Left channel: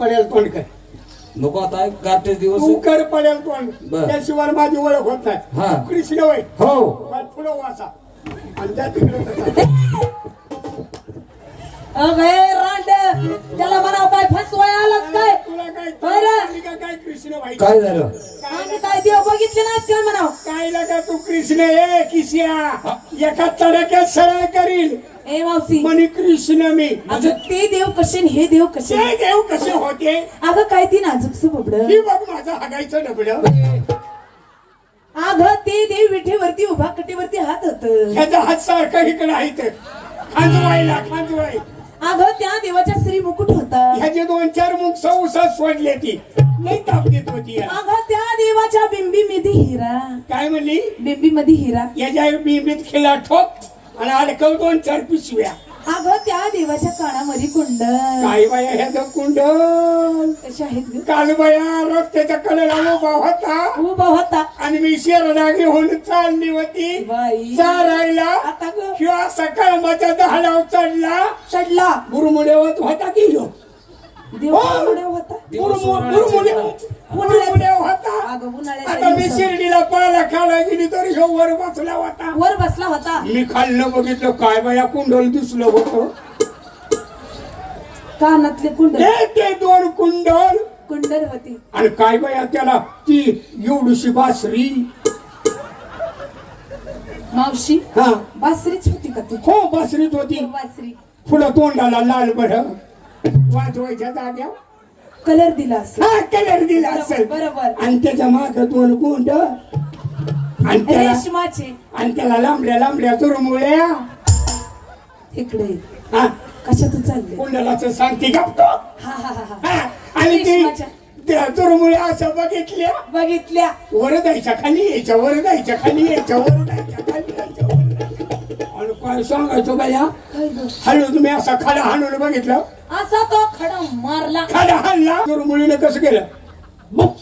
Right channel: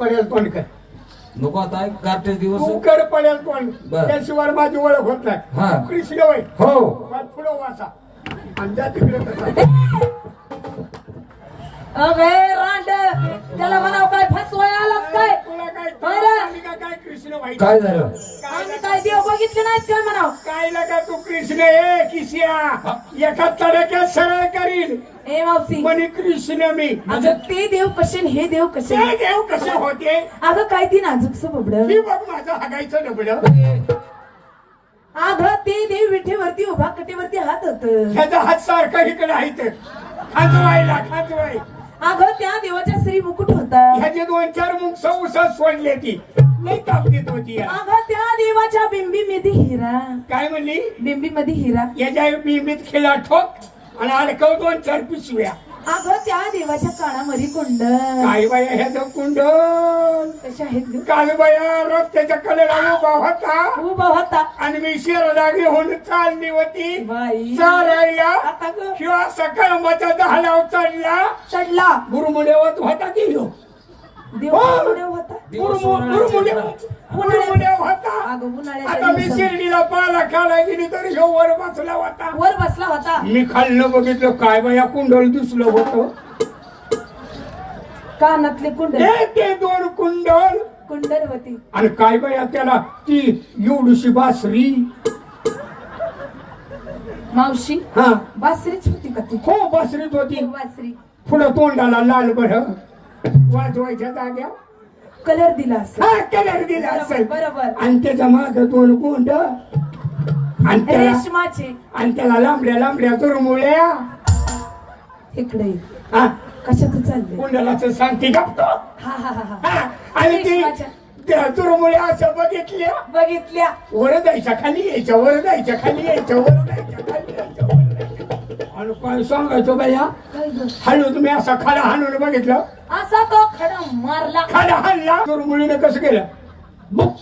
पडेल तोंड कर. नको आता गाठे दिवस तू कर पडेल तोंड. बर. त्याशिवाय माझी ओळख होत हा. नाही. कृष्ण वय हो पुढं वाचा आणि त्या तिकडे तसा. अगे रांड त्याला म्हणाव काय फसवाय आलाच काय तुला काय बरं. आली का काय कृष्ण व्हायचं? काय झालं आम्ही काय देव बघितले नाहीत काय म्हणाव काय लगा तू कृष्ण ए किसिया एका तडक्यात सरळ करील ए मावशी म्हणे कृष्ण मी. अगं ते देव कसे आणि हे देव कसे ते देव कसे होते अगं काय ती नाजूकस बबड ही बघ माझं हागायचं डबडं. अगं ते देव विठेवरती उभा कटेवरती हात होत ह्याचा हात सारखा इकडे आहे खांजवाय. अगं त्या देवाच्या श्री मुकुट होता ह्याचे 2-4 मुख सौसात सोडले ती लई ताप देत होती याला. अगं त्या देवाच्या बिंबी मध्ये हिरा काय म्हणली बिंबी मध्ये हिरा याच्या बिंबीत खेळा ठोक आणि अडकव 2-4 पिशव्या. अगं त्या देवाच्या कानामध्ये कुंडल काय बाया ह्याचं कुंडल कशा आहेत ग? काल बाया रस्त्याच्या कडेला उभा होता उभा होता आणि मी शेरडा घेऊन चालली होती बाई चारायला आता ग किंवा सकाळच्या दहालाव चढला चढला गुरुमुडेवत होता की ह्यो. देव उड्या होता गुरुमुडे होता. अगं आता उन्हाळ्याच्या मी दिवसात शिर्डीला पाला खेळा गेली तर ह्यो वर बसला होता. वर बसला होता मी खाल्लं बघितलं काय बाया कुंडल दिसलं होतं. कानातले कुंडल ते 2 कुंडल कुंडल होती आणि काय बाया त्याला ती एवढीशी बासरी. मावशी हा बासरीच होती का ती हो बासरीत होती. बासरी पुढं तोंडाला लाल बड वाजवायच्या जाग्या कलर दिला असं हा कलर दिला असेल. बरोबर आणि त्याच्या माग 2 गुंड आणि रेशमाचे त्याला लांबड्या चुरमुळ्या. इकडे हा कशाच चालले कुंडलाचं सांगते गप्प. हा हा हा हा आणि ती रेशमाच्या. त्या चुरमुळ्या अशा बघितल्या बघितल्या वर जायच्या खाली यायच्या वर जायच्या खाली यायच्या वर जायच्या खाली यायच्या वर जायच्या. आणि काय सांगायचं बाया काय ग? हळू तुम्ही असा खाडा हाणून बघितलं असा तो खडा मारला खाडा हाणला चुरमुळीनं कसं केलं बुक